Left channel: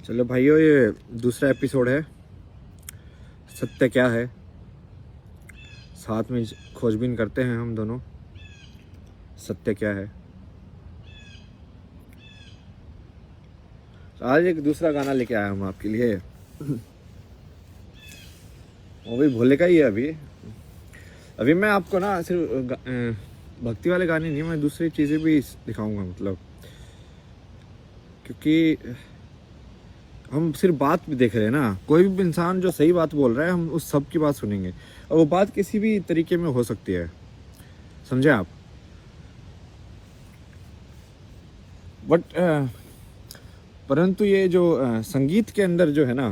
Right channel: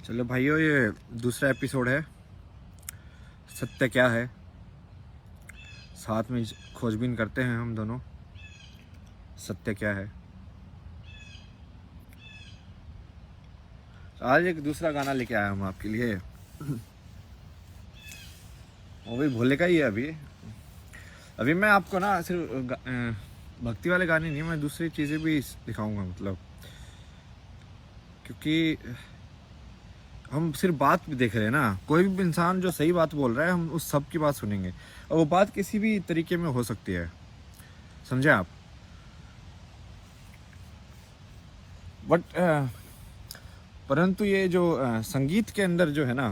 चलो भाइयों, ये दूसरा एपिसोड है। सत्य क्या है, साथ में खोजबीन करते हैं हम दोनों। सत्य क्या है। आज एक दूसरा गाना लेके आया हूँ आपके लिए। वो भी भोले का ही है। अभी मैं आपको ना सिर्फ भक्ति वाले गाने नहीं, मैं दूसरी चीज़ें भी दिखाऊंगा। मतलब क्योंकि हम सिर्फ बात भी देख रहे हैं ना। कोई भी इंसान जो सही बात बोल रहा है, हम उस सब की बात सुनेंगे, और वो बात किसी भी तरीके में हो सकती है। समझे आप? बट परंतु ये जो संगीत के अंदर जो है ना,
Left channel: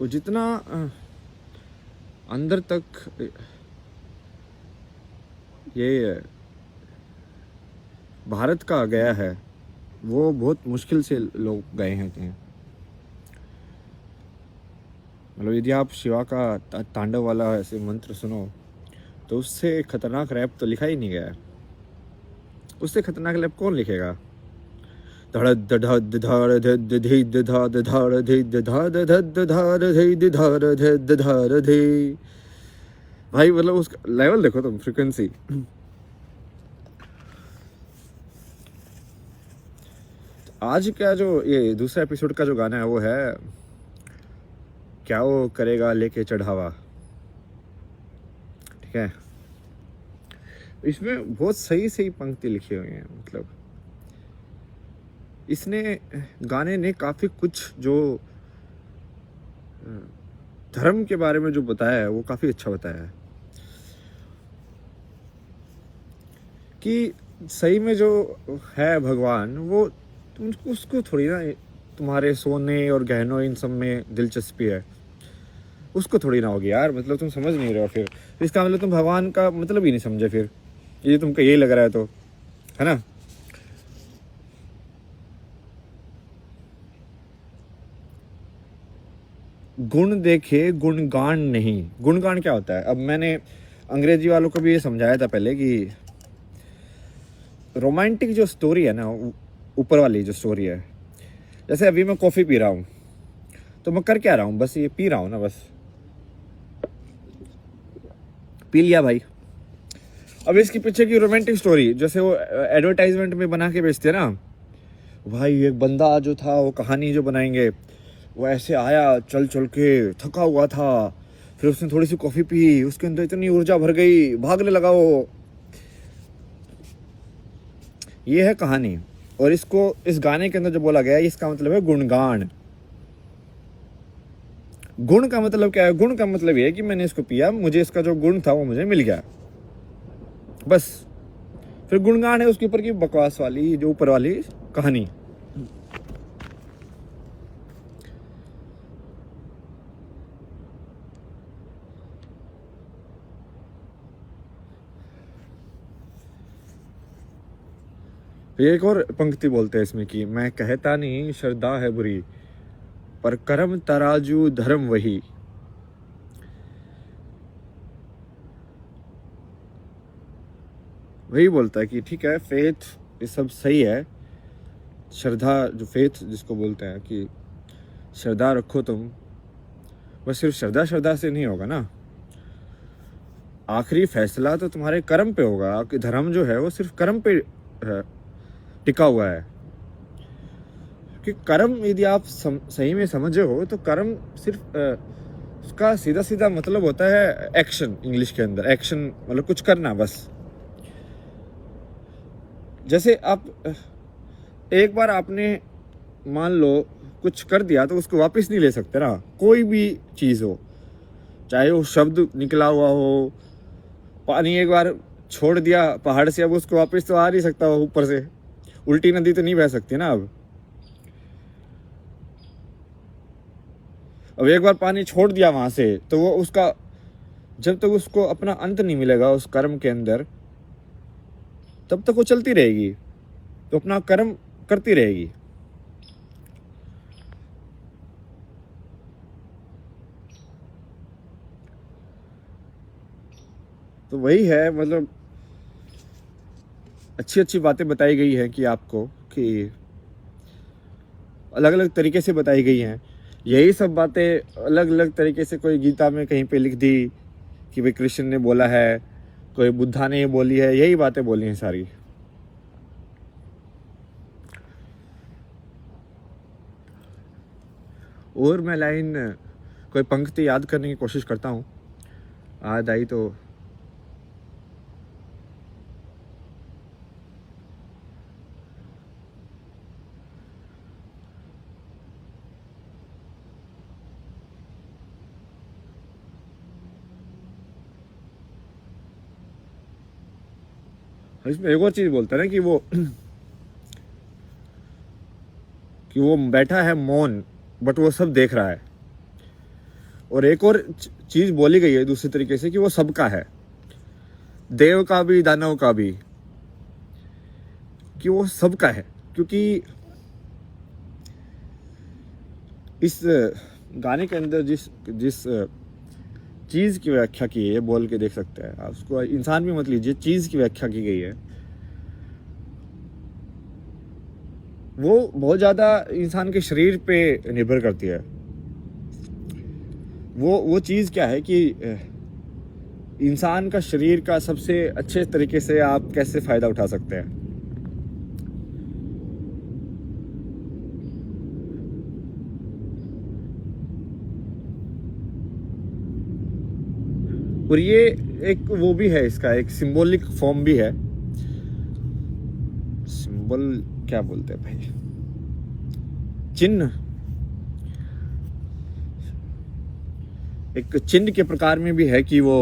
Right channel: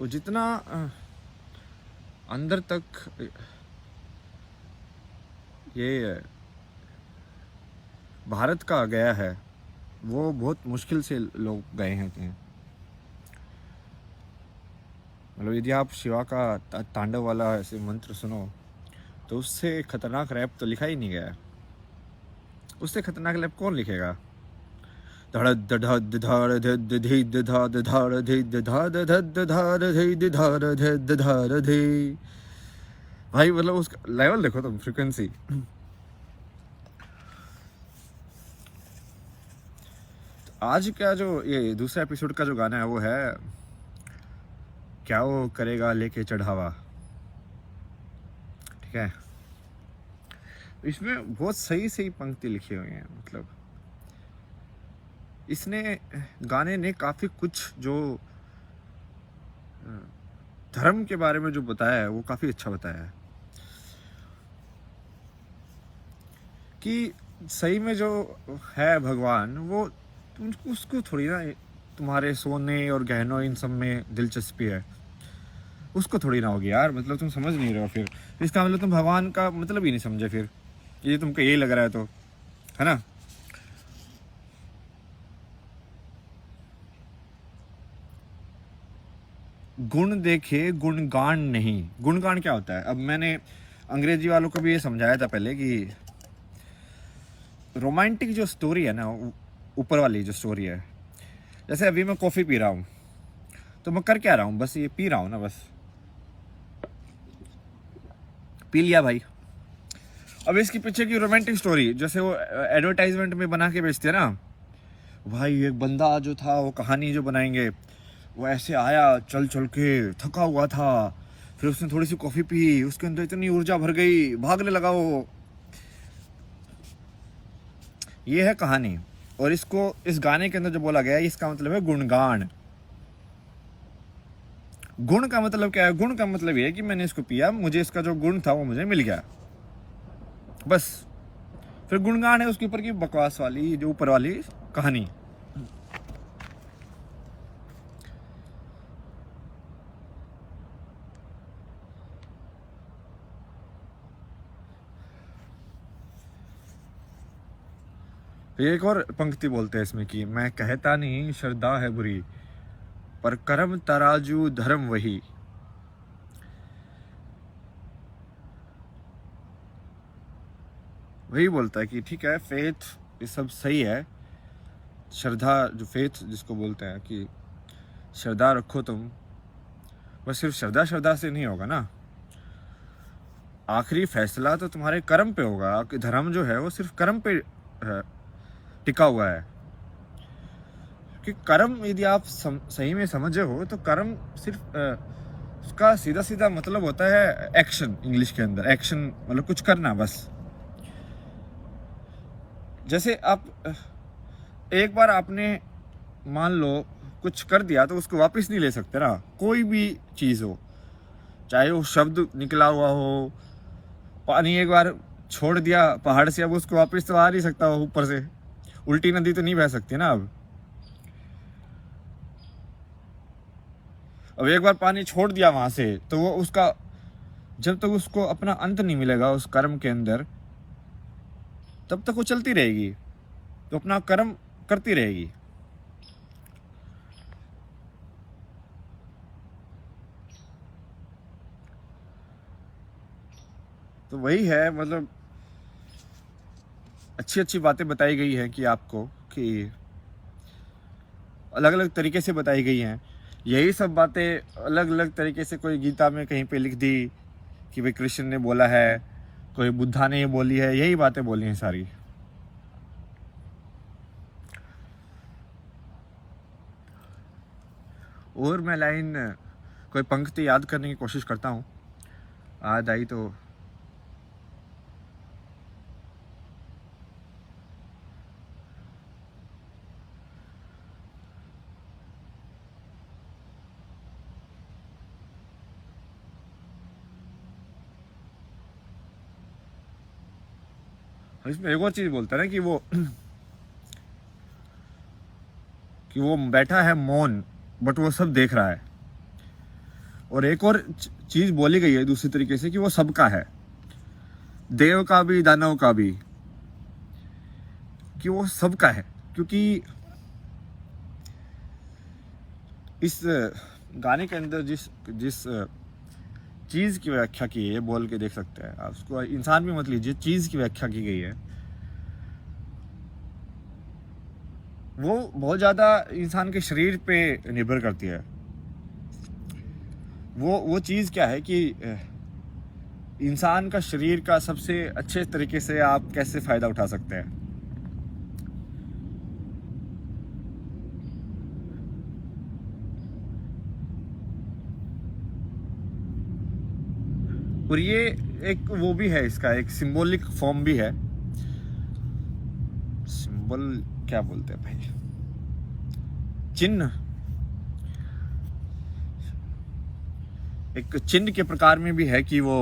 वो जितना अंदर तक ये भारत का गया है, वो बहुत मुश्किल से लोग गए हैं। मतलब यदि आप शिवा का तांडव वाला ऐसे मंत्र सुनो, तो उससे खतरनाक रैप तो लिखा ही नहीं गया है। उससे खतरनाक रैप कौन लिखेगा? भाई मतलब उसका लेवल देखो तुम, फ्रीक्वेंसी। आज का जो ये दूसरा एपिसोड का जो गाना है, वो है क्या वो करेगा लेके चढ़ावा। ठीक है, इसमें बहुत सही सही पंक्ति लिखी हुई है। मतलब इसने गाने ने काफी कुछ जो धर्म के बारे में जो बताया है, वो काफी अच्छा बताया है। कि सही में जो है भगवान, वो तुमको उसको थोड़ी ना तुम्हारे सोने और गहनों इन सब में दिलचस्पी है। उसको थोड़ी ना होगी यार। मतलब तुम समझ नहीं रहे हो। फिर इसका मतलब तुम भगवान का मतलब ही नहीं समझे। फिर ये तुमको यही लग रहा है तो, है ना? गुण देखे गुणगान नहीं। गुणगान क्या होता है? अब मैंने अंग्रेजी वालों को भी ये समझाया था पहले कि रोमांटिक जो स्टोरी है ना, ऊपर वाली जो स्टोरी है, जैसे अभी मैं कॉफी पी रहा हूँ, तो मैं कर क्या रहा हूँ? बस ये पी रहा हूँ ना, बस पी लिया भाई। अब इसके पीछे की रोमांटिक स्टोरी, जैसे वो एडवर्टाइजमेंट में बना के बेचते हैं ना भाई, एक बंदा जो था, वो कहानी जो बनाएंगे, वो ऐसे आया चल चल के, थका हुआ था, फिर उसने थोड़ी सी कॉफी पी, उसके अंदर इतनी ऊर्जा भर गई, भागने लगा वो। ये है कहानी। और इसको इस गाने के अंदर जो बोला गया है, इसका मतलब है गुणगान। गुण का मतलब क्या है? गुण का मतलब ये है कि मैंने इसको पिया, मुझे इसका जो गुण था वो मुझे मिल गया, बस। फिर गुणगान है उसके ऊपर की बकवास वाली, जो ऊपर वाली कहानी। एक और पंक्ति बोलते हैं इसमें कि मैं कहता नहीं श्रद्धा है बुरी, पर कर्म तराजू धर्म वही। वही बोलता है कि ठीक है, फेथ ये सब सही है। श्रद्धा, जो फेथ जिसको बोलते हैं, कि श्रद्धा रखो तुम, बस सिर्फ श्रद्धा श्रद्धा से नहीं होगा ना। आखिरी फैसला तो तुम्हारे कर्म पे होगा कि धर्म जो है वो सिर्फ कर्म पे टिका हुआ है। कि कर्म यदि आप सही में समझे हो, तो कर्म सिर्फ उसका सीधा सीधा मतलब होता है एक्शन। इंग्लिश के अंदर एक्शन मतलब कुछ करना, बस। जैसे आप एक बार आपने मान लो कुछ कर दिया, तो उसको वापस नहीं ले सकते ना। कोई भी चीज़ हो, चाहे वो शब्द निकला हुआ हो, पानी एक बार छोड़ दिया पहाड़ से, अब उसको वापस तो आ नहीं सकता हो ऊपर से। उल्टी नदी तो नहीं बह सकती ना। अब एक बार पानी छोड़ दिया वहां से, तो वो उसका जब तक उसको अपना अंत नहीं मिलेगा उस कर्म के अंदर, तब तक वो चलती रहेगी, तो अपना कर्म करती रहेगी। तो वही है। मतलब अच्छी अच्छी बातें बताई गई है कि आपको कि अलग अलग तरीके से बताई गई हैं। यही सब बातें अलग अलग तरीके से कोई गीता में कहीं पे लिख दी कि भाई कृष्ण ने बोला है, कोई बुद्धा ने बोली है, यही बातें बोली हैं सारी। और मैं लाइन कोई पंक्ति याद करने की कोशिश करता हूँ, याद आई तो। इसमें एक और चीज बोलता है ना कि वो बैठा है मौन, बट वो सब देख रहा है। और एक और चीज बोली गई है दूसरे तरीके से कि वो सबका है, देव का भी दानव का भी, कि वो सबका है। क्योंकि इस गाने के अंदर जिस चीज की व्याख्या की है, बोल के देख सकते हैं आप उसको, इंसान भी मत लीजिए, चीज की व्याख्या की गई है वो बहुत ज्यादा इंसान के शरीर पे निर्भर करती है। वो चीज क्या है कि इंसान का शरीर का सबसे अच्छे तरीके से आप कैसे फायदा उठा सकते हैं। और ये एक वो भी है, इसका एक सिंबॉलिक फॉर्म भी है। सिंबल क्या बोलते हैं भाई, चिन्ह, एक चिन्ह के प्रकार में भी है कि वो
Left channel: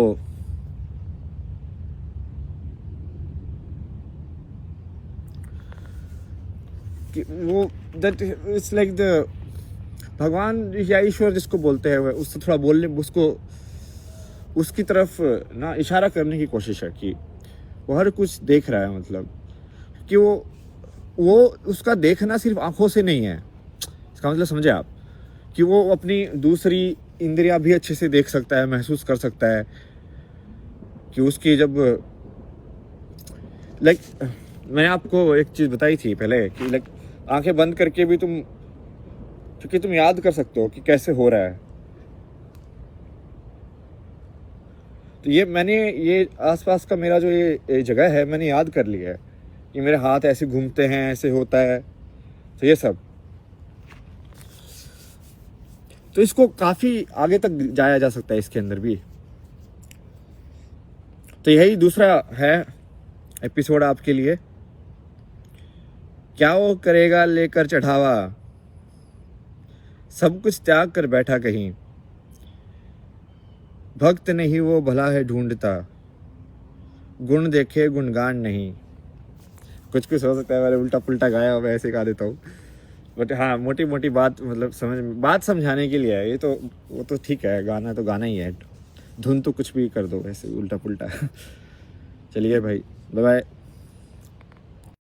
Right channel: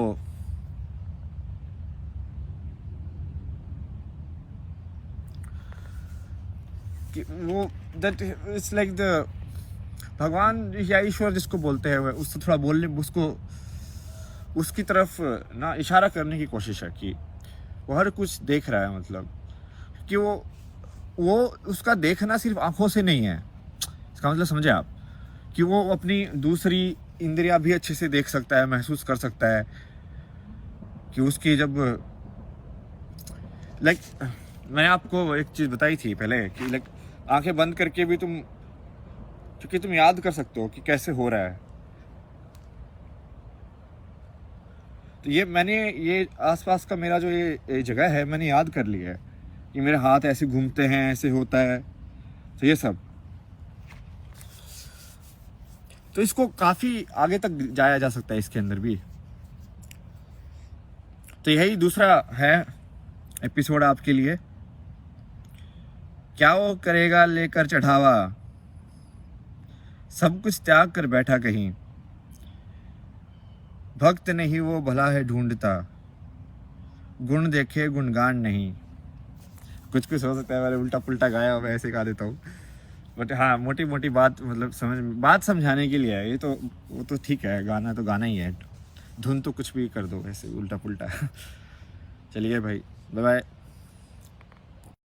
दैट इट्स लाइक द भगवान या ईश्वर जिसको बोलते हैं, उससे थोड़ा बोलने, उसको उसकी तरफ ना इशारा करने की कोशिश है कि वो हर कुछ देख रहा है। मतलब कि वो उसका देखना सिर्फ आंखों से नहीं है, इसका मतलब समझे आप, कि वो अपनी दूसरी इंद्रियां भी अच्छे से देख सकता है, महसूस कर सकता है। कि उसकी जब लाइक मैंने आपको एक चीज बताई थी पहले कि लाइक आंखें बंद करके भी क्योंकि तुम याद कर सकते हो कि कैसे हो रहा है। तो ये आसपास का मेरा जो ये जगह है, मैंने याद कर लिया है कि मेरे हाथ ऐसे घूमते हैं, ऐसे होता है, तो ये सब। तो इसको काफी आगे तक जाया जा सकता है इसके अंदर भी। तो यही दूसरा है एपिसोड आपके लिए। क्या वो करेगा लेकर चढ़ावा, सब कुछ त्याग कर बैठा कहीं, भक्त नहीं वो भला है ढूंढता, गुण देखे गुणगान नहीं। कुछ हो सकता है मैंने उल्टा पुल्टा गाया, मैं ऐसे गा देता हूँ, बट हाँ मोटी मोटी बात, मतलब बात समझाने के लिए है ये। तो वो तो ठीक है, गाना तो गाना ही है, धुन तो कुछ भी कर दो ऐसे उल्टा पुल्टा। चलिए भाई, बाय बाय।